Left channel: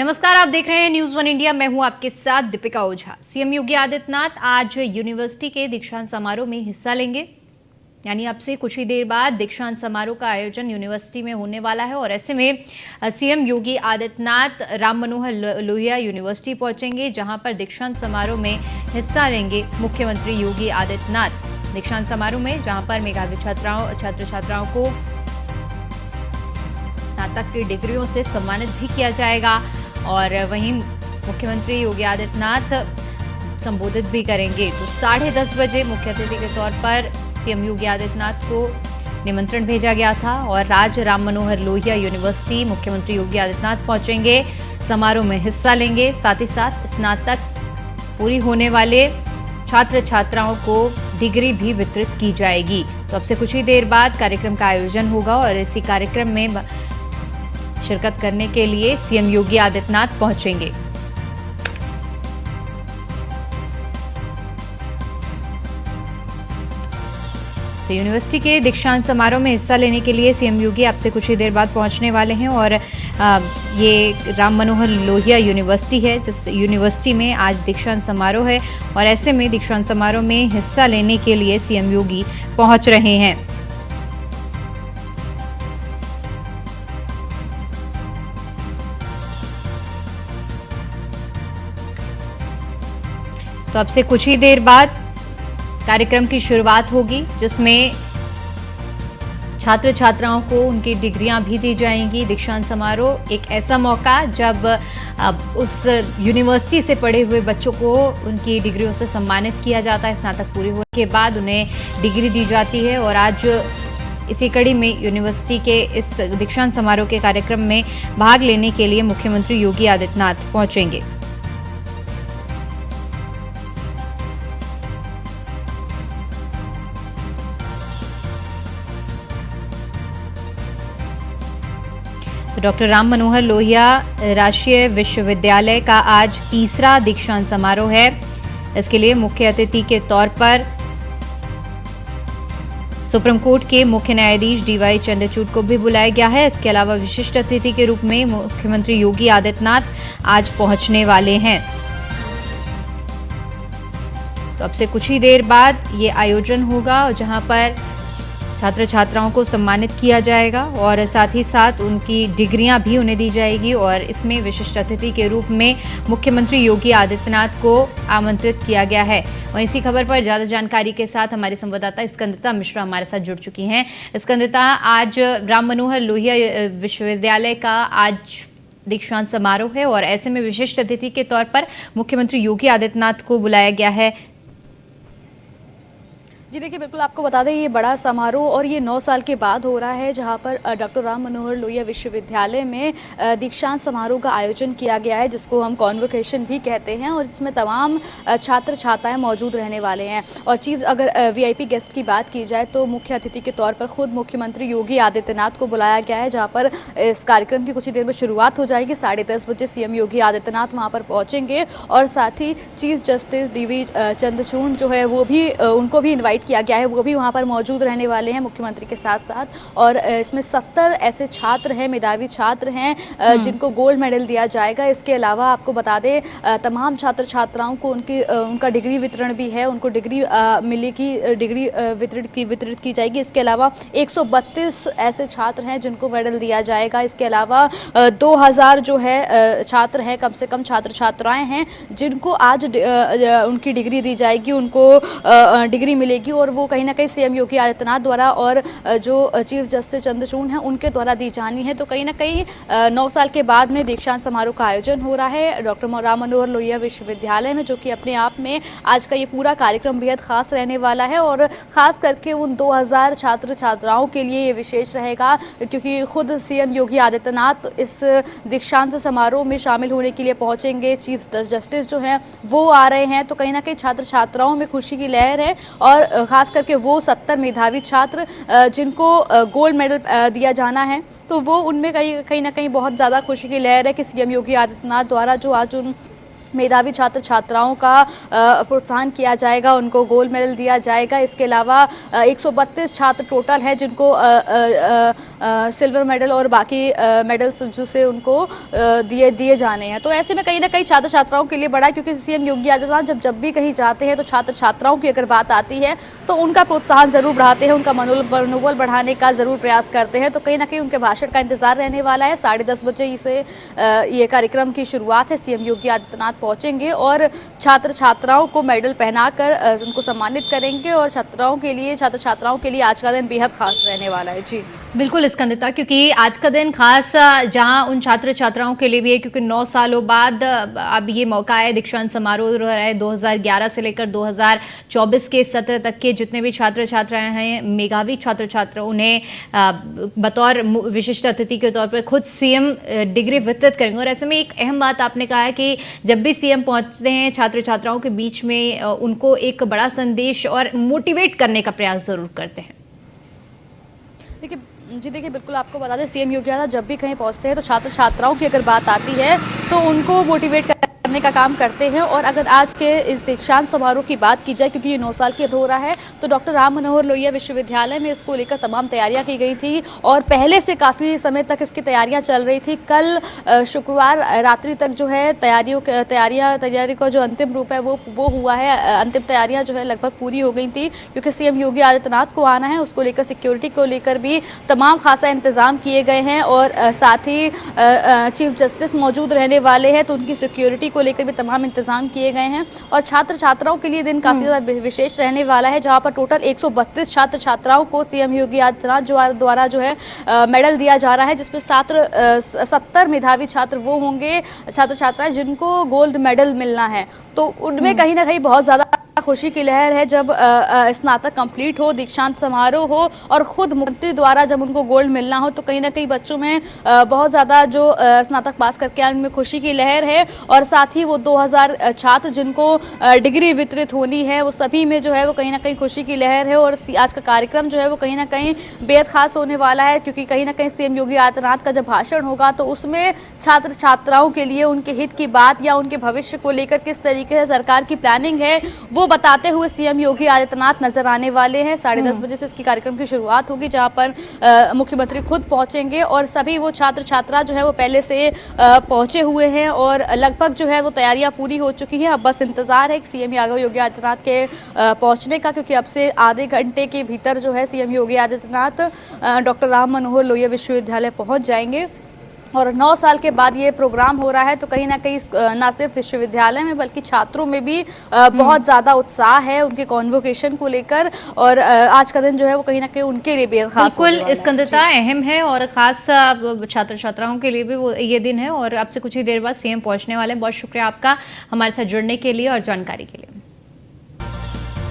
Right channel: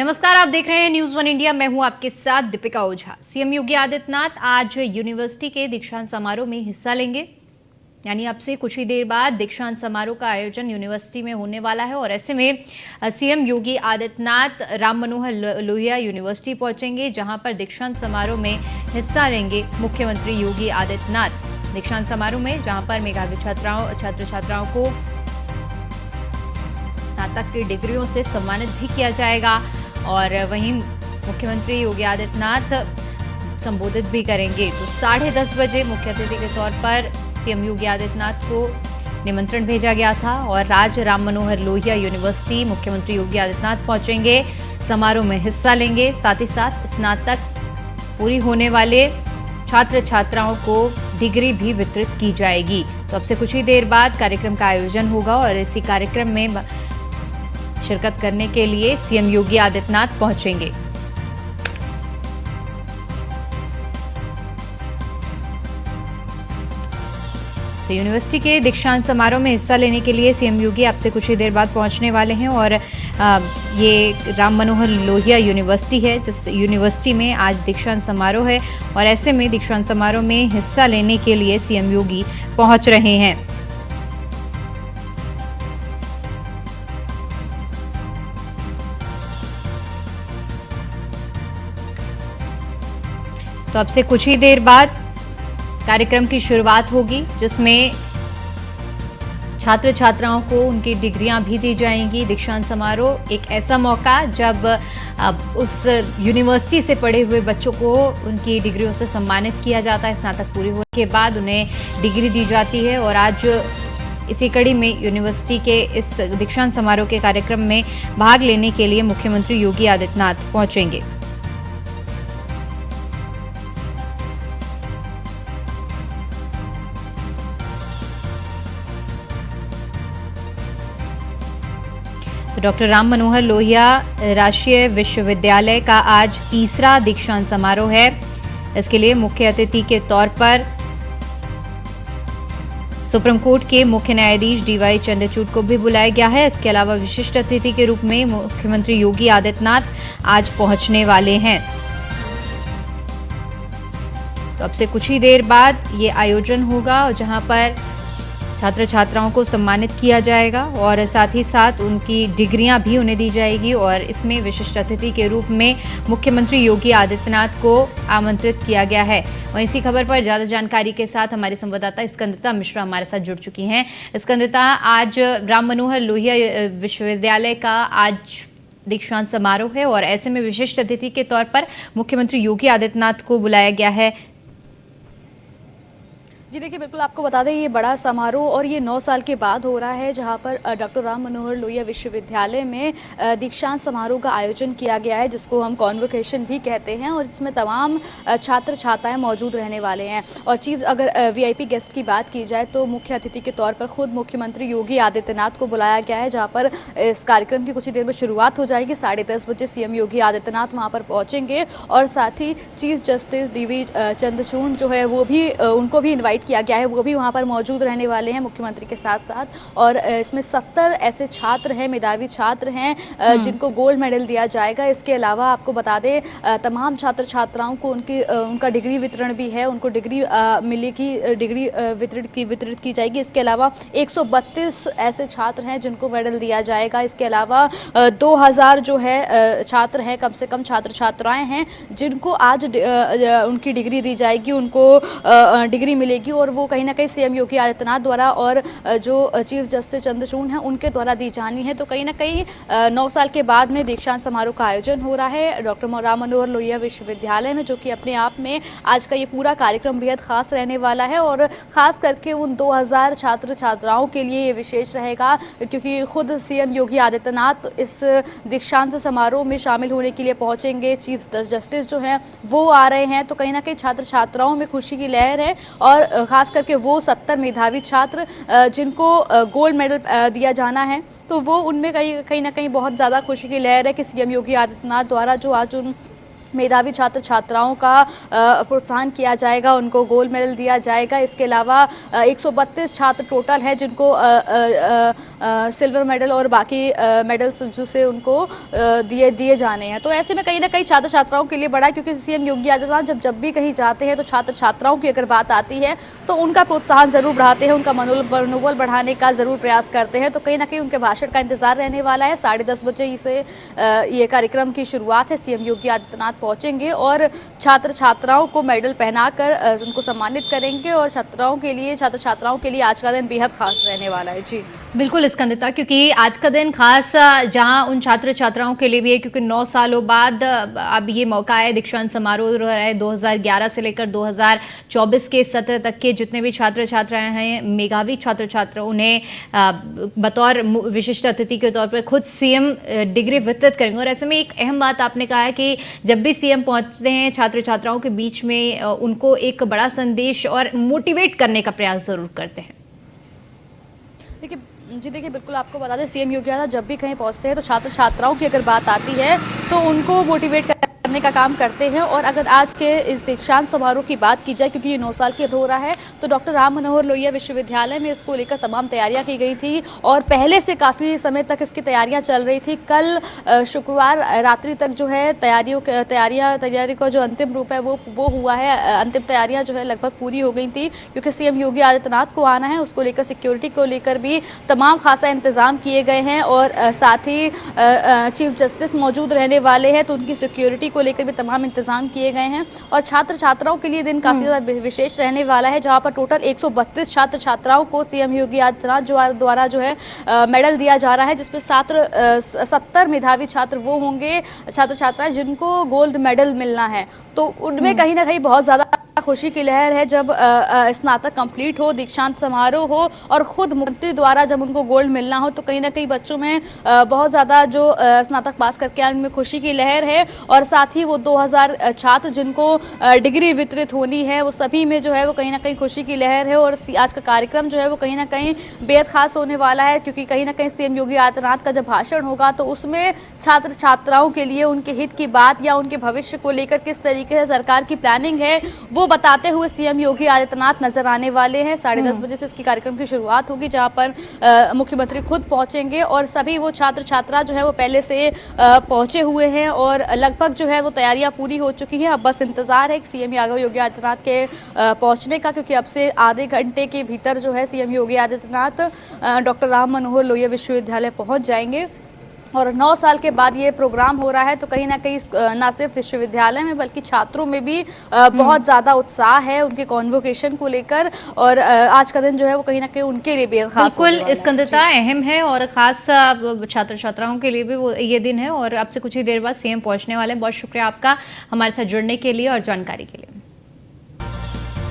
नमस्कार, आप देख रहे हैं न्यूज़ वन इंडिया। मैं हूं आपके साथ दीपिका ओझा। सीएम योगी आदित्यनाथ आज यूनिवर्सिटी के दीक्षांत समारोह में हिस्सा लेंगे। यानी अब से कुछ ही देर बाद दीक्षांत समारोह का आयोजन यूनिवर्सिटी में होने वाला है और ऐसे में सीएम योगी आदित्यनाथ राम मनोहर लोहिया यूनिवर्सिटी पहुंचेंगे, जहां पर दीक्षांत समारोह में हिस्सा लेंगे मुख्यमंत्री योगी आदित्यनाथ। दीक्षांत समारोह में जहां पर मेधावी छात्र छात्राओं को स्नातक की डिग्रियों से सम्मानित भी किया जाएगा और वहीं मुख्यमंत्री योगी आदित्यनाथ संबोधित भी करेंगे। तो 10:30 बजे मुख्य अतिथि के तौर पर सीएम योगी आदित्यनाथ को निमंत्रण भेजा गया था और आज राम मनोहर लोहिया यूनिवर्सिटी मुख्यमंत्री योगी आदित्यनाथ पहुंचेंगे, समारोह में हिस्सा लेंगे। साथ ही साथ स्नातक पूरी होने वाले छात्र छात्राओं को डिग्री भी वितरित की जाएगी। तो अब से कुछ ही देर बाद कार्यक्रम का आयोजन होगा और इसी कार्यक्रम में शिरकत करने के लिए सीएम योगी आदित्यनाथ पहुंचेंगे। तो यूनिवर्सिटी के दीक्षांत समारोह में हिस्सा लेने के लिए सीएम योगी अब से कुछ ही देर बाद पहुंचने वाले हैं और ये राम मनोहर लोहिया यूनिवर्सिटी है, जिस यूनिवर्सिटी में आज दीक्षांत समारोह है और ऐसे में दीक्षांत समारोह में हिस्सा लेने के लिए सीएम योगी पहुंच रहे हैं। तो अब से कुछ ही देर बाद कार्यक्रम की शुरुआत होगी, जिसमें छात्र छात्राओं को उनकी डिग्रियां भी दी जाएंगी। दीक्षांत समारोह एक ऐसा मौका जब उस यूनिवर्सिटी से पढ़े हुए बच्चों को उनकी डिग्रियों से सम्मानित किया जाता है। स्नातक पूरी होने के बाद उन्हें डिग्री दी जाती है और आज इसी कड़ी में यूनिवर्सिटी के इस दीक्षांत समारोह के कार्यक्रम में भाग लेने के लिए मुख्यमंत्री योगी आदित्यनाथ पहुंचेंगे। तो डॉक्टर राम मनोहर लोहिया राष्ट्रीय विश्वविद्यालय का आज तीसरा दीक्षांत समारोह है। इसके लिए मुख्य अतिथि के तौर पर सुप्रीम कोर्ट के मुख्य न्यायाधीश डीवाई चंद्रचूड़ को भी बुलाया गया है। इसके अलावा विशिष्ट अतिथि के रूप में मुख्यमंत्री योगी आदित्यनाथ आज पहुंचने वाले हैं। तो अब से कुछ ही देर बाद ये आयोजन होगा और जहां पर छात्र छात्राओं को सम्मानित किया जाएगा और साथ ही साथ उनकी डिग्रियां भी उन्हें दी जाएगी और इसमें विशिष्ट अतिथि के रूप में मुख्यमंत्री योगी आदित्यनाथ को आमंत्रित किया गया है। वहीं इसी खबर पर ज़्यादा जानकारी के साथ हमारे संवाददाता स्कंदता मिश्रा हमारे साथ जुड़ चुकी हैं। स्कंदता, आज राम मनोहर लोहिया विश्वविद्यालय का आज दीक्षांत समारोह है और ऐसे में विशिष्ट अतिथि के तौर पर मुख्यमंत्री योगी आदित्यनाथ को बुलाया गया है। जी देखिए, बिल्कुल आपको बता दें, ये बड़ा समारोह और ये 9 साल के बाद हो रहा है, जहां पर डॉक्टर राम मनोहर लोहिया विश्वविद्यालय में दीक्षांत समारोह का आयोजन किया गया है, जिसको हम कॉन्वोकेशन भी कहते हैं और इसमें तमाम छात्र छात्राएं मौजूद रहने वाले हैं। और चीफ अगर वीआईपी गेस्ट की बात की जाए तो मुख्य अतिथि के तौर पर खुद मुख्यमंत्री योगी आदित्यनाथ को बुलाया गया है, जहाँ पर इस कार्यक्रम की कुछ ही देर में शुरुआत हो जाएगी। 10:30 बजे सीएम योगी आदित्यनाथ वहाँ पर पहुँचेंगे और साथ ही चीफ जस्टिस डीवी चंद्रचूड़ जो है वो भी उनको भी इन्वाइट किया गया है, वो भी वहाँ पर मौजूद रहने वाले हैं मुख्यमंत्री के साथ साथ। और इसमें 70 ऐसे छात्र हैं, मेधावी छात्र हैं जिनको गोल्ड मेडल दिया जाएगा। इसके अलावा आपको बता दें, तमाम छात्र छात्राओं को उनका डिग्री वितरण भी है, उनको डिग्री मिलेगी, डिग्री वितरित की जाएगी। इसके अलावा 132 ऐसे छात्र हैं जिनको मेडल दिया जाएगा। इसके अलावा 2000 जो है छात्र हैं, कम से कम छात्र छात्राएं हैं जिनको आज उनकी डिग्री दी जाएगी, उनको डिग्री मिलेगी और वो कहीं ना कहीं सीएम योगी आदित्यनाथ द्वारा और जो चीफ जस्टिस चंद्रचूड़ हैं उनके द्वारा दी जानी है। तो कहीं ना कहीं 9 साल के बाद में दीक्षांत समारोह का आयोजन हो रहा है डॉक्टर राम मनोहर लोहिया विश्वविद्यालय में, जो कि अपने आप में आज का ये पूरा कार्यक्रम बेहद खास रहने वाला है और खास करके उन 2000 छात्र छात्राओं के लिए ये विशेष रहेगा, क्योंकि खुद सीएम योगी आदित्यनाथ इस दीक्षांत समारोह में शामिल होने के लिए पहुंचेंगे। चीफ जस्टिस जो हैं वो आ रहे हैं, तो कहीं ना कहीं छात्र छात्राओं में खुशी की लहर है और खास करके वो 70 मेधावी छात्र जिनको गोल्ड मेडल दिया जाना है, तो वो उनमें कहीं ना कहीं बहुत ज़्यादा खुशी की लहर है कि सीएम योगी आदित्यनाथ द्वारा जो आज मेधावी छात्र छात्राओं का प्रोत्साहन किया जाएगा, उनको गोल्ड मेडल दिया जाएगा। इसके अलावा 132 छात्र टोटल हैं जिनको सिल्वर मेडल और बाकी मेडल्स जो से उनको दिए जाने हैं। तो ऐसे में कहीं ना कहीं छात्र छात्राओं के लिए बड़ा है, क्योंकि सीएम योगी आदित्यनाथ जब भी कहीं जाते हैं तो छात्र छात्राओं की अगर बात आती है तो उनका प्रोत्साहन ज़रूर बढ़ाते हैं, उनका मनोबल बढ़ाने का ज़रूर प्रयास करते हैं। तो कहीं ना कहीं उनके भाषण का इंतजार रहने वाला है। 10:30 बजे से ये कार्यक्रम की शुरुआत है। सीएम योगी आदित्यनाथ पहुंचेंगे और छात्र छात्राओं को मेडल पहनाकर उनको सम्मानित करेंगे और छात्र छात्राओं के लिए आज का दिन बेहद खास रहने वाला है। जी बिल्कुल स्कंदिता, क्योंकि आज का दिन खास जहां उन छात्र छात्राओं के लिए भी है, क्योंकि 9 सालों बाद अब ये मौका है। दीक्षांत समारोह रहा है 2011 से लेकर 2024 के सत्र तक के जितने भी छात्र छात्राएं हैं, मेधावी छात्र छात्र, उन्हें बतौर विशिष्ट अतिथि के तौर पर खुद सीएम डिग्री वितरित करेंगे। और ऐसे में एक अहम बात आपने कहा है कि जब भी सीएम पहुंचते हैं छात्र छात्राओं के बीच में उनको एक बड़ा संदेश और मोटिवेट करने का प्रयास जरूर करते हैं। देखिए बिल्कुल आपको बता दें, सीएम योगी आदित्यनाथ जब भी कहीं पहुंचते हैं तो छात्र छात्राओं की अगर बात आती है तो उनको मोटिवेट करने का काम करते हैं। और अगर आज के इस दीक्षांत समारोह की बात की जाए, क्योंकि ये 9 साल के अब हो रहा है, तो डॉक्टर राम मनोहर लोहिया विश्वविद्यालय में इसको लेकर तमाम तैयारियां की गई थी और पहले से काफ़ी समय तक इसकी तैयारियां चल रही थी। कल शुक्रवार रात्रि तक जो है तैयारी का जो अंतिम रूप है वो हुआ है। अंतिम तैयारियां जो है लगभग पूरी हो गई थी, क्योंकि सीएम योगी आदित्यनाथ को आना है, उसको लेकर सिक्योरिटी को लेकर भी तमाम खासा इंतजाम किए गए हैं। और साथ ही चीफ जस्टिस मौजूद रहने वाले हैं, तो उनकी सिक्योरिटी को लेकर भी तमाम इंतजाम किए गए हैं। और छात्र छात्राओं के लिए दिन काफ़ी ज़्यादा विशेष रहने वाला है, जहां पर टोटल 132 छात्र छात्राओं को सीएम योगी आदित्यनाथ द्वारा जो है मेडल दिया जा रहा है, जिसमें 70 मेधावी छात्र वो होंगे, छात्र छात्राएं जिनको गोल्ड मेडल मिलना है। तो उनमें कहीं ना कहीं बहुत ज़्यादा खुशी की लहर है जब स्नातक कंप्लीट हो, दीक्षांत समारोह हो और खुद मुख्यमंत्री द्वारा जब उनको गोल्ड मिलना हो, तो कहीं ना कहीं बच्चों में बहुत ज़्यादा जो स्नातक पास करके आने में खुशी की लहर है। और साथ ही वो 2000 छात्र जिनको डिग्री वितरित होनी है, वो सभी में जो है वो कहीं ना कहीं खुशी की लहर है। और आज का कार्यक्रम जो है वो कहीं ना कहीं बेहद खास होने वाला है, क्योंकि कहीं ना कहीं सीएम योगी आदित्यनाथ का जब भाषण होगा तो उसमें छात्र छात्राओं के लिए उनके हित की बात या उनके भविष्य को लेकर किस तरीके से सरकार की प्लानिंग है वो बताते हुए सीएम योगी आदित्यनाथ नजर आने वाले हैं। 10:30 बजे से इसकी कार्यक्रम की शुरुआत होगी, जहां पर मुख्यमंत्री खुद पहुंचेंगे और सभी वो छात्र छात्रा जो है वो पहले से पहुंचे हुए हैं और लगभग जो है वो तैयारियां पूरी हो चुकी हैं। अब बस इंतजार है सीएम योगी आदित्यनाथ के पहुंचने का, क्योंकि अब से आधे घंटे के भीतर जो है सीएम योगी आदित्यनाथ डॉक्टर राम मनोहर लोहिया विश्वविद्यालय पहुंच जाएंगे। और 9 साल के बाद ये प्रोग्राम हो रहा है, तो कहीं ना कहीं ना सिर्फ विश्वविद्यालय में बल्कि छात्रों में भी बहुत ज़्यादा उत्साह है उनके कॉन्वोकेशन को लेकर। और आज का दिन जो है वो कहीं ना कहीं उनके लिए भी खास बिल्कुल स्कंदता अहम है और खास छात्र छात्राओं के लिए भी वो ये दिन है। और अब से कुछ ही देर बाद सीएम पहुंचने वाले हैं। बहुत शुक्रिया आपका हमारे साथ जुड़ने के लिए और जानकारी के लिए।